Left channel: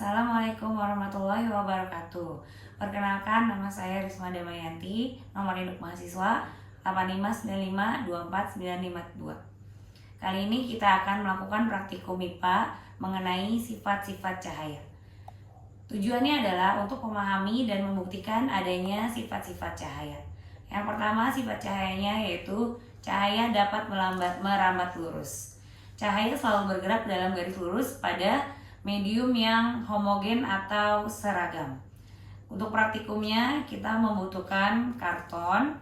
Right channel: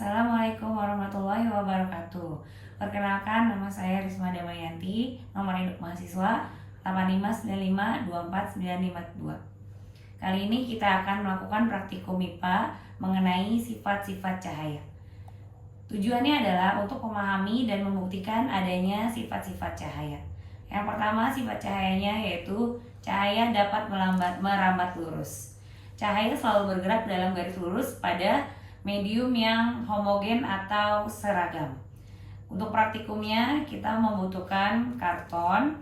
Assalamualaikum warahmatullahi wabarakatuh. Perkenalkan, nama saya Risma Damayanti, nomor induk mahasiswa 85952492. Kali ini kita akan melakukan praktikum MIPA mengenai sifat-sifat cahaya. Tujuannya adalah untuk memahami dan membuktikan adanya sifat-sifat cahaya. Yang pertama, sifat cahayanya yaitu cahaya dapat merambat lurus. Cahaya selalu bergerak dalam garis lurus pada medium yang homogen atau seragam. Untuk praktikumnya kita membutuhkan karton,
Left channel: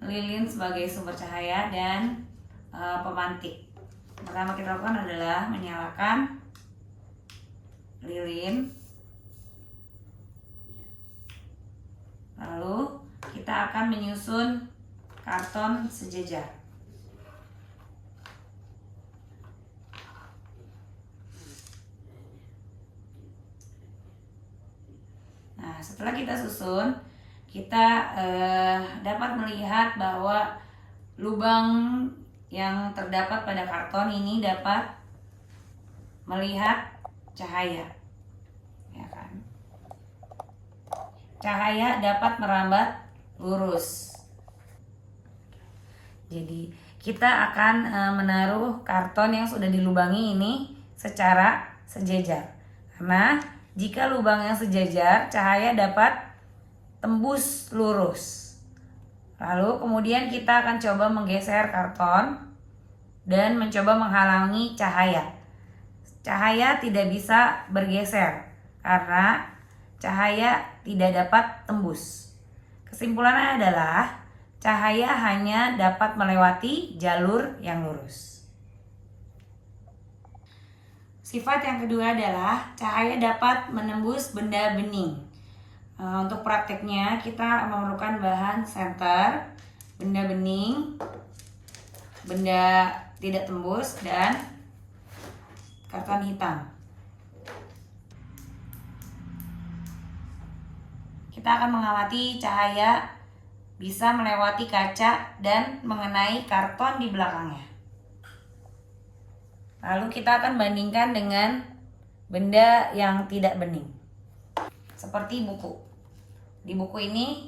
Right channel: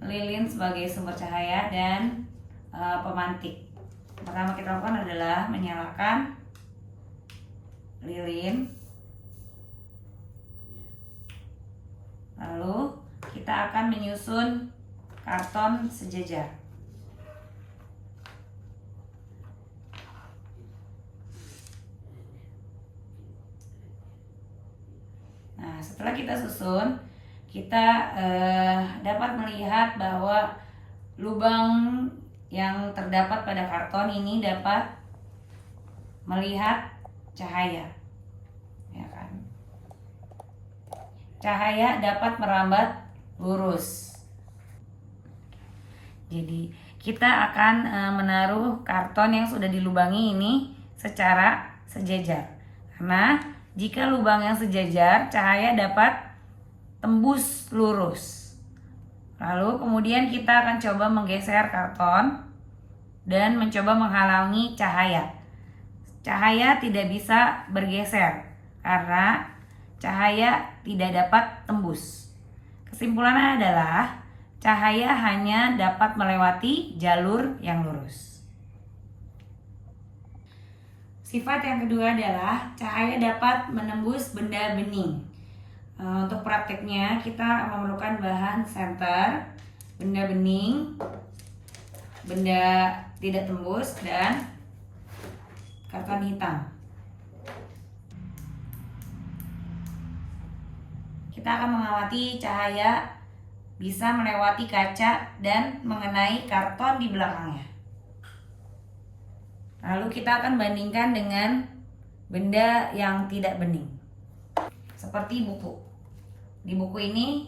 lilin sebagai sumber cahaya, dan pemantik. Pertama kita lakukan adalah menyalakan lilin, lalu kita akan menyusun karton sejajar. Nah, setelah kita susun, kita dapat melihat bahwa lubang yang terdapat pada karton ini dapat melihat cahaya, ya kan? Cahaya dapat merambat lurus. Jadi kita akan menaruh karton yang sudah dilubangi ini secara sejajar, karena jika lubang yang sejajar, cahaya dapat tembus lurus. Lalu kemudian kita akan coba menggeser karton dan mencoba menghalangi cahaya. Cahaya tidak bisa bergeser karena cahaya tidak dapat tembus. Kesimpulannya adalah cahaya hanya dapat melewati jalur yang lurus. Sifat yang kedua adalah cahaya dapat menembus benda bening. Untuk prakteknya kita memerlukan bahan senter, benda bening, benda tidak tembus, dan karton hitam. Kita akan mengamati cahaya bisa melewati kaca dan mengenai karton di belakangnya. Lalu kita akan bandingkan dengan benda yang tidak bening, seperti buku. Di buku ini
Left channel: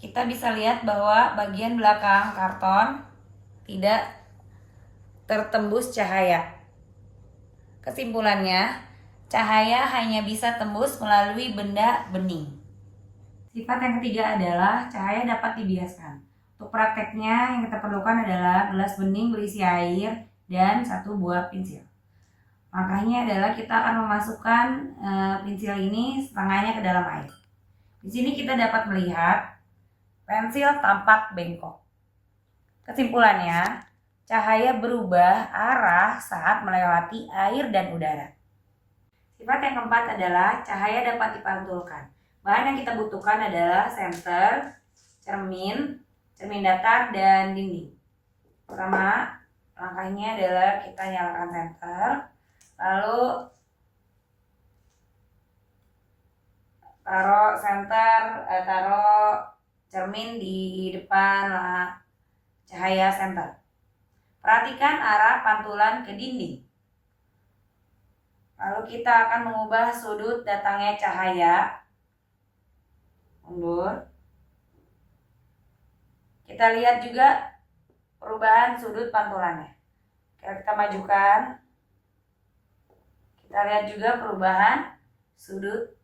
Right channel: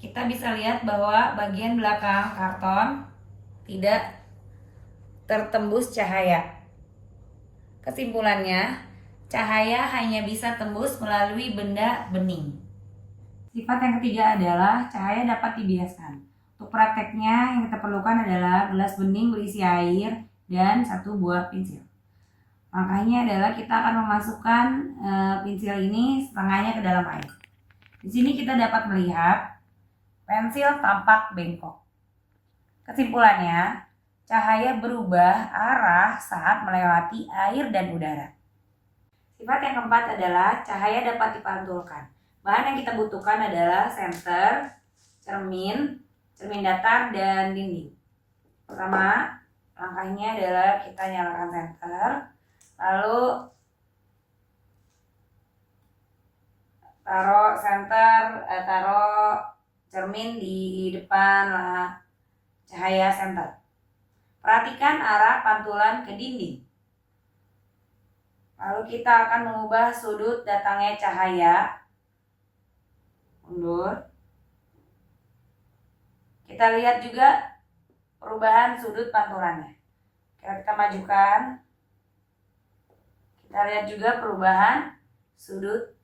kita bisa lihat bahwa bagian belakang karton tidak tertembus cahaya. Kesimpulannya, cahaya hanya bisa tembus melalui benda bening. Sifat yang ketiga adalah cahaya dapat dibiaskan. Untuk prakteknya yang kita perlukan adalah gelas bening berisi air dan satu buah pensil. Langkahnya adalah kita akan memasukkan pensil ini setengahnya ke dalam air. Di sini kita dapat melihat pensil tampak bengkok. Kesimpulannya, cahaya berubah arah saat melewati air dan udara. Sifat yang keempat adalah cahaya dapat dipantulkan. Bahan yang kita butuhkan adalah senter, cermin datar, dan dinding. Pertama, langkahnya adalah kita nyalakan senter, lalu taruh cermin di depan cahaya senter. Perhatikan arah pantulan ke dinding. Lalu kita akan mengubah sudut datangnya cahaya. Mundur. Kita lihat juga perubahan sudut pantulannya. Kita majukan. Kita lihat juga perubahan sudut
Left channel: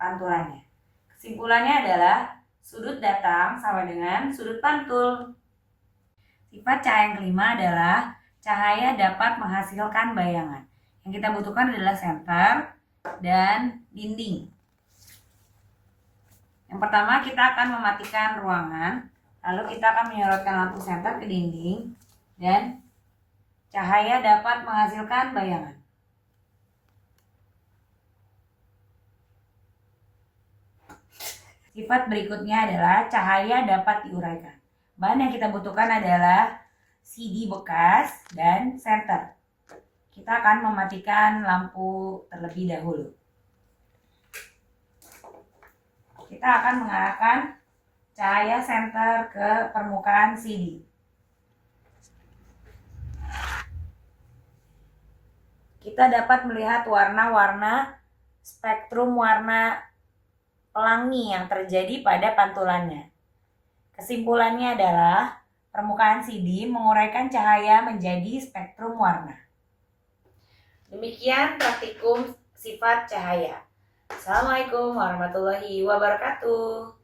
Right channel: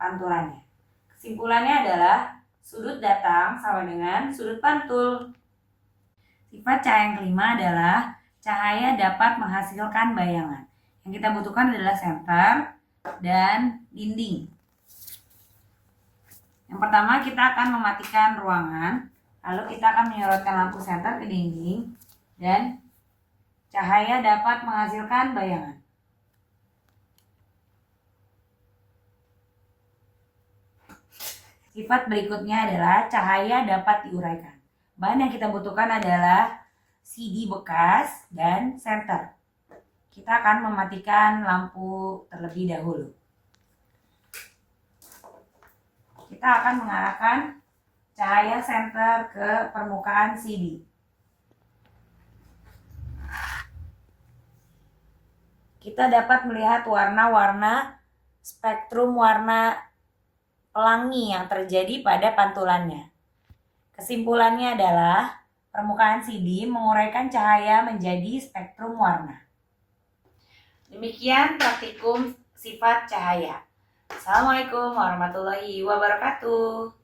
pantulannya. Kesimpulannya adalah sudut datang sama dengan sudut pantul. Sifat cahaya yang kelima adalah cahaya dapat menghasilkan bayangan. Yang kita butuhkan adalah senter dan dinding. Yang pertama kita akan mematikan ruangan, lalu kita akan menyorotkan lampu senter ke dinding dan cahaya dapat menghasilkan bayangan. Sifat berikutnya adalah cahaya dapat diuraikan. Bahan yang kita butuhkan adalah CD bekas dan senter. Kita akan mematikan lampu terlebih dahulu. Kita akan mengarahkan cahaya senter ke permukaan CD. kita dapat melihat warna-warna spektrum warna pelangi yang terjadi pada pantulannya. Kesimpulannya adalah permukaan CD menguraikan cahaya menjadi spektrum warna. Demikian praktikum sifat cahaya. Assalamualaikum warahmatullahi wabarakatuh.